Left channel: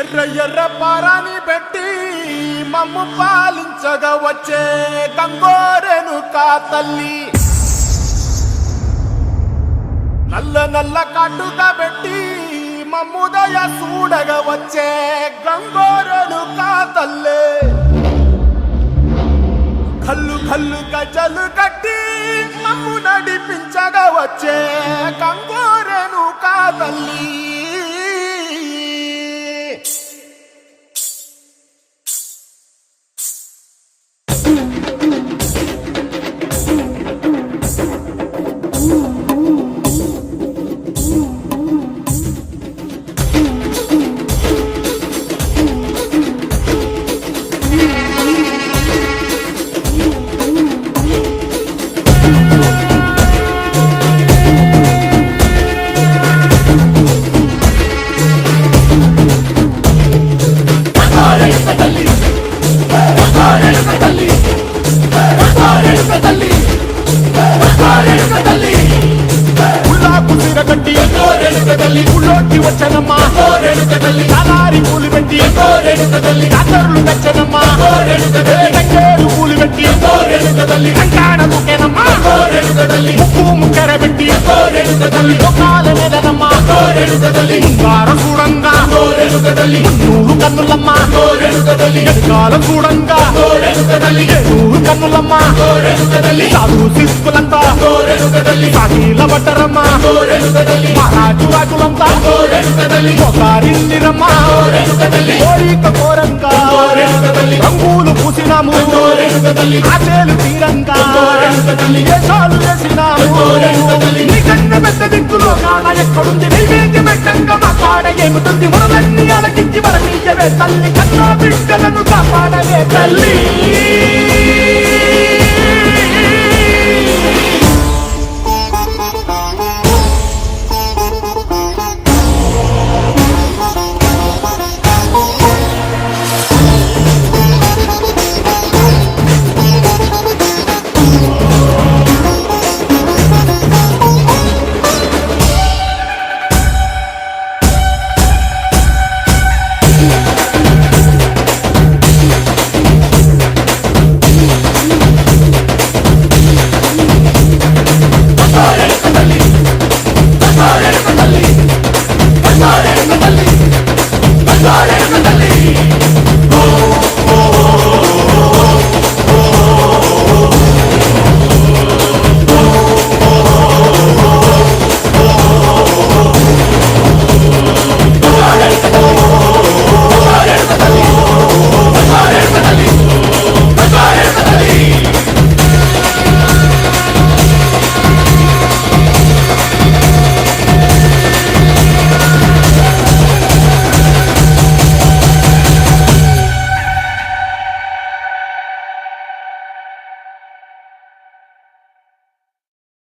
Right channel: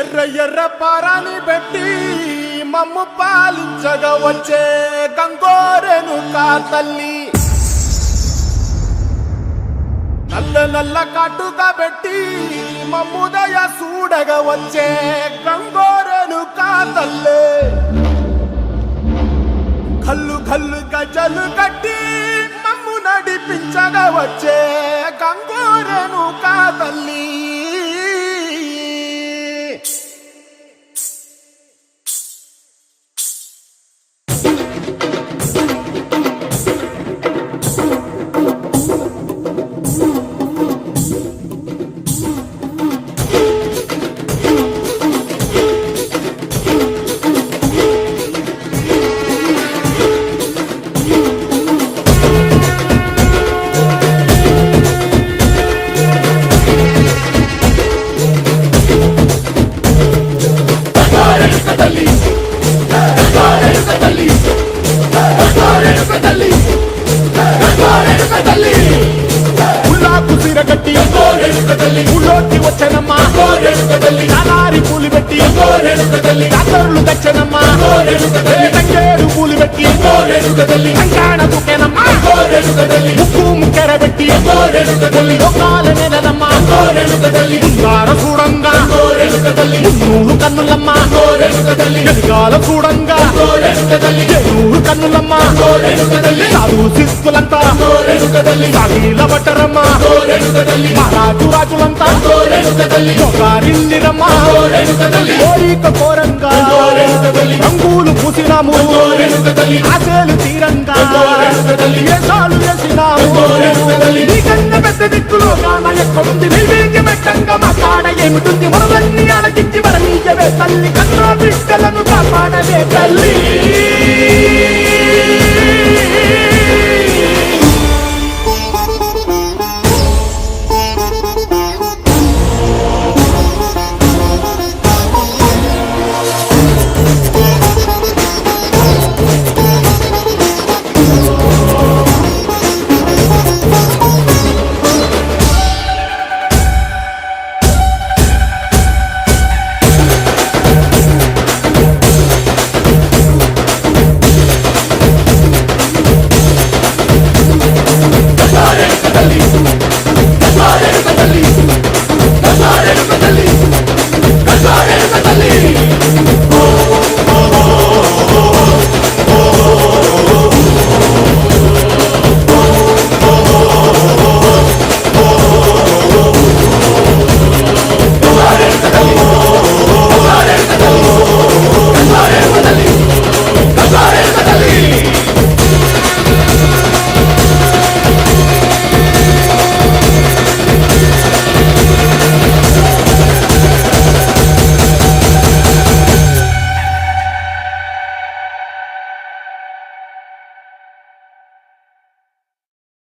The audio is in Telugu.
ఎర్ర ఎర్ర పారాని పెట్టి మమ్ము పాలించగా వచ్చే గంగోరెనుకా తల్లి, నల్ల నల్ల కాటుగా పెట్టి మమ్ముదయ చూడగా వచ్చే గంగోరెనుకా తల్లి, కల్లు కల్లు గజలు కట్టి మమ్ము నడిపించగా వచ్చే గంగోరెనుకా తల్లి. కుసిరగట్టి ఊళ్ళోకి వచ్చనమ్మా, చాలారి పూలు పెట్టి జాతరులు తెచ్చనమ్మా, తంగేరు పూలు పెట్టి కంకాణ దూకేనమ్మా, ముక్కు ముక్కెర పెట్టి ముల్లోకాల నెలనమ్మా, ముందార చూడంగా మున్నూరు కన్నులమ్మా, వెనకాల చూడంగా ఏనూరు కన్నులమ్మా, సాధు శిస్తులంతా సాగిల పట్టరమ్మా, మహారాజు రాజులంతా మొగారిల్లిరమ్మా, కోరిక కోరంగా రంగులు పూసినాము, ఆశలు తీరంగా వేషాలు వేసినాము, నీకన్నా పెద్ద దిక్కులో కాన ఎక్కడుంది, నైవేద్యమెట్టంగా మా కాడ ఏమిటుంది, మనలన్నీ అలకించి మరణీయవే తల్లి, కన్నా బిడ్డలను కాపాడవే తల్లి.